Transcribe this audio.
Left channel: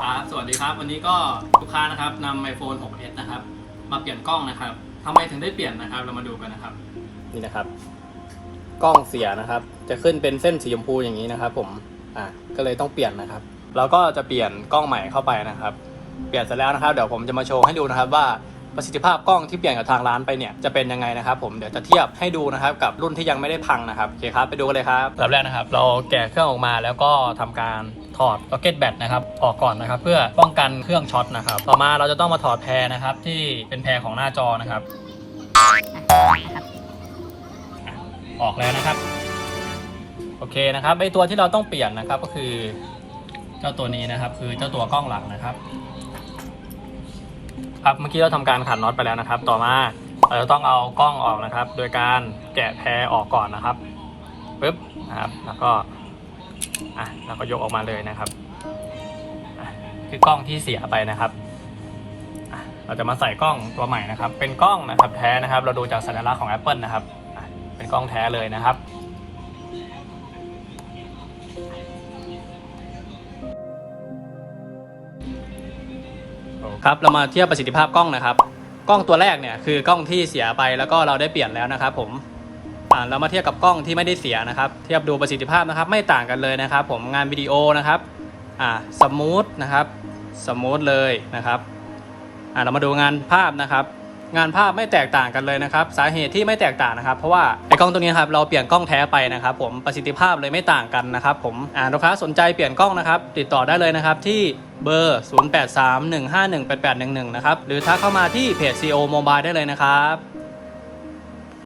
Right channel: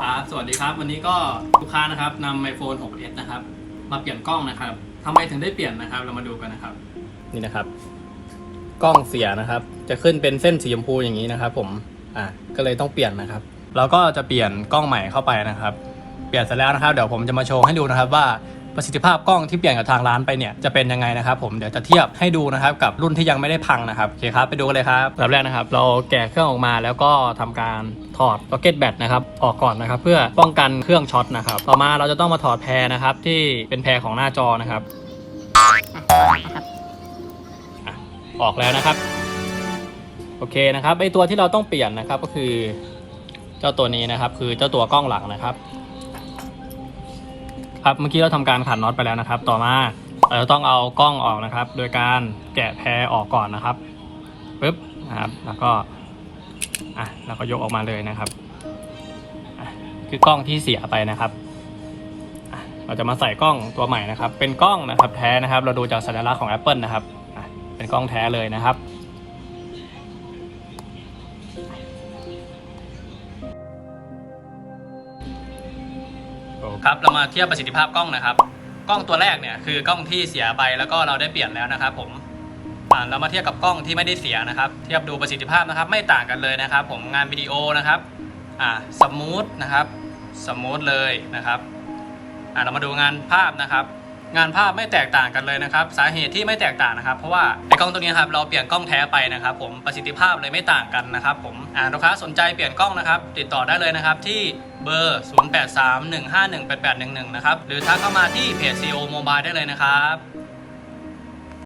ครับสวัสดีครับ วันนี้ก็ลูกค้านะครับนำ iPhone 6s นะครับ มาเปลี่ยนกล้องนะครับทำไมถึงได้เปลี่ยนนะครับ เรามาดูกันนะครับ นี่นะครับ กล้องเสียนะครับ จะขึ้นเป็นเส้นสีชมพูอย่างนี้นะครับ ผมอะก็เลยต้องเปลี่ยนนะครับ เราก็จะเปลี่ยนกล้องใหม่เข้าไปนะครับ เปลี่ยนเสร็จแล้วนะครับ เดี๋ยวผมจะมาโชว์ให้ดูนะครับว่า ประสิทธิภาพกล้องที่เปลี่ยนกับทางร้านไปเนี่ยจะเป็นยังไงนะครับผมเดี๋ยวจะเทียบให้ดูนะครับกับรุ่นที่ยังไม่ได้พังนะครับโอเคครับไปดูกันเลยครับแบบแรกนะครับ เราแกะเครื่องออกมาแล้วก็ทำการถอด pocket bat นะครับออกก่อนนะครับ เพื่อป้องกันเครื่องช็อตนะครับต่อมาเราจะต้องมาถอดแพรนะครับ ที่เป็นแพรของหน้าจอนะครับออกแล้วนะครับ โอเคนะครับไอตัวที่เราต้องเปลี่ยนนะครับก็คือ เจ้าตัวนี้นะครับ คือเจ้าตัวกล้องหลังนะครับ ครับเมื่อกี้เราทำการขันน็อตไปแล้วนะครับ ต่อมาเราจะต้องเอากล้องออกนะครับ โดยการแกะแพรออกก่อนนะครับปึ๊บนะครับแล้วก็อะเราก็ยกออกมาเลยนะครับ คือกล้องที่เสียไปนะครับเราจะมาใส่กล้องตัวใหม่นะครับ เป็นกล้องนะครับแท้นะครับ เราดูจากสัญลักษณ์ของ Apple นะครับ เป็นกล้องแท้เลยนะครับ ครับเรามาเทียบประสิทธิภาพกล้องนะครับ กล้องตัวแรกเนี่ยคือกล้องที่เสียไปแล้วก็เราได้เปลี่ยนแล้วนะครับ ผมอ่าเรามาเทียบกับกล้องที่ไม่ได้เสียนะครับ เทียบดูประสิทธิภาพนะครับ ไม่ต่างกันเลยนะครับ ผมงานวิดีโอนะครับอ่าสมูทนะครับสมูทเลยนะครับอ่าเรามาดูงานภาพนะครับ งานภาพไม่แตกต่างกันเลยนะครับ สาเหตุที่ไม่แตกต่างนะครับ เพราะว่าไอ้กล้องตัวนี้ครับเราเปลี่ยนกล้องแท้ไปนะครับ ผมประสิทธิภาพเลยไม่ต่างกันนะครับ ผมอ่าลูกค้าสนใจเปลี่ยนกล้องนะครับ ติดต่อได้เลยนะครับที่เบอร์ 0831518811 นะครับหรือทักเข้ามาที่เพจ CO Mobile ได้เลยนะครับ